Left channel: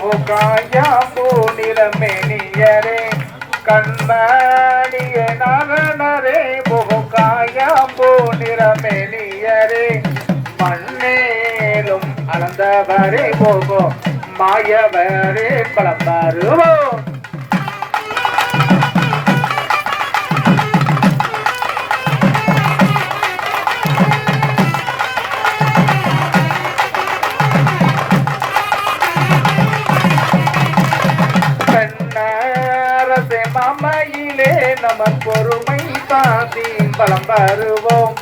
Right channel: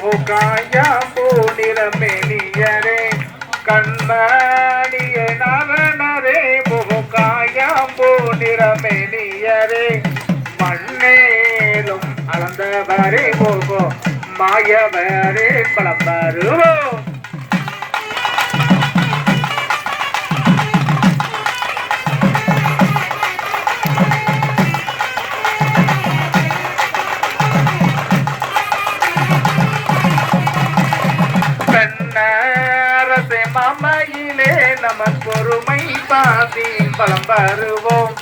காயாம்பூ நிறமெனியரே கண்மணிய நரனரே காயாம்பூ நிறமெனியரே மண்ணேலும் அளந்தவரே போகோ மாயவரே பலம் வருவோம். அரசே மாமையிலே நமன் பொறுமை பாசி பலம் வருவோம்.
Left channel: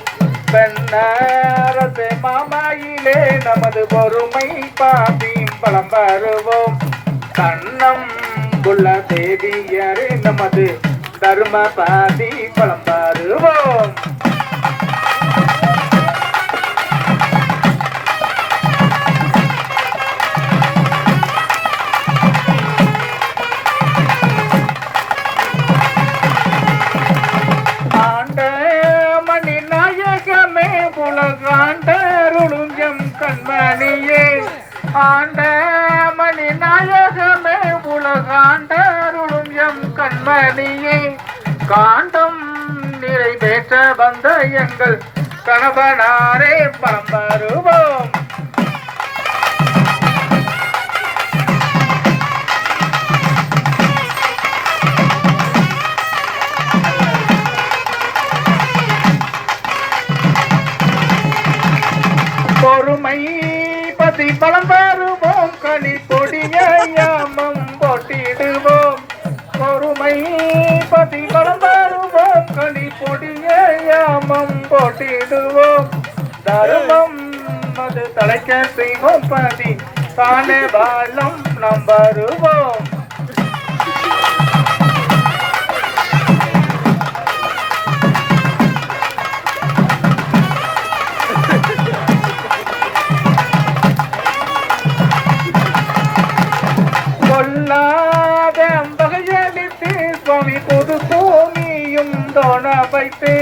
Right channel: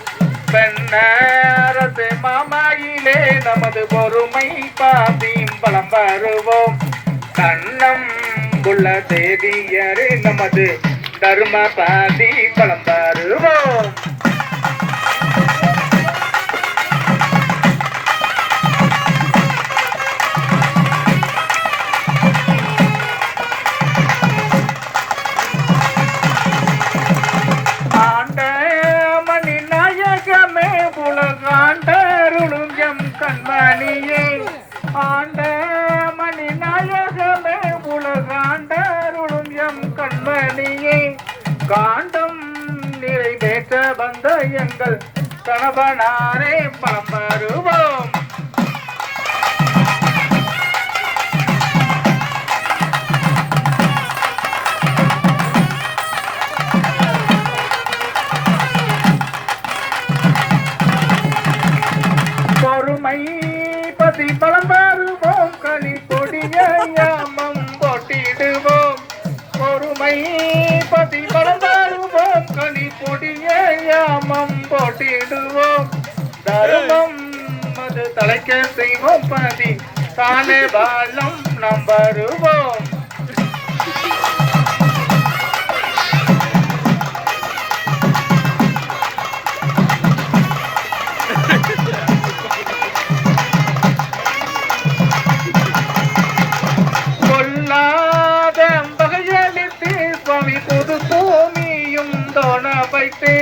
பெண்ணரசே மாமையிலே நமது பொறுமை பாசி பலம் வருவோம். கண்ணம் உள்ள தேதியரே நமது தர்ம பாதி பலம் வருவோம். கண்மணியே ஆண்ட மணி நாயகமே உலகாண்டருளும் எம் கண்மணியே காண்டம் நிறைவேற்ற வந்த எங்கள் கணவனாரே பலம் வருவோம். பொறுமை பதி பலம் வருவோம் களி கொடியமம் போட்டிடுவோம். பொறுமை பதி பலம் வருவோம் களி கொடியமம் போட்டிடுவோம். தர்மம் அது தலைக்க செய்வோம் பதி பாலே பாலம் நாம் வருவோம். சுவாமி புது பூமியும் தோண வைத்து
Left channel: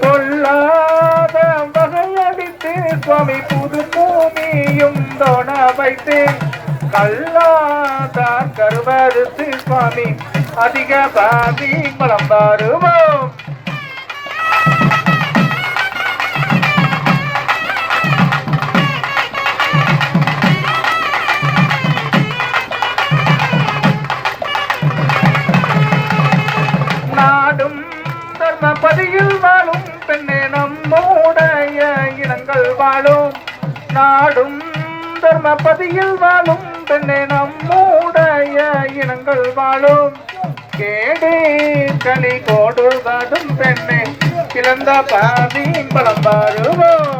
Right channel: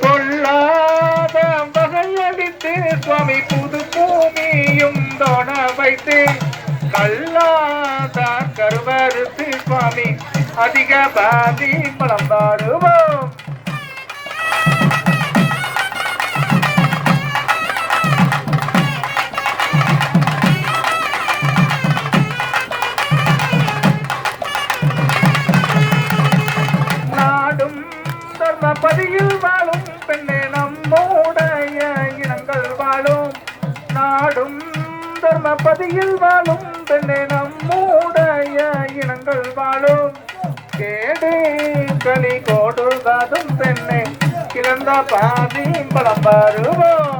கொள்ளாத வகையடித்து சுவாமி புது பூமியும் தோண வைத்து கல்லாத கருவறுத்து சுவாமி அதிக பாதி பலம் வருவோம். பதியில் வாழும் பெண்ணே நம்முடைய இனங்கள் வாழும். நாடும் தர்மபதியில் வாழும் பெண்ணே நம்முடைய இனங்கள் வாழும். கேடு களி போடுவதும் பெண்ணே கிளந்த பாதி பலம் வருவோம்.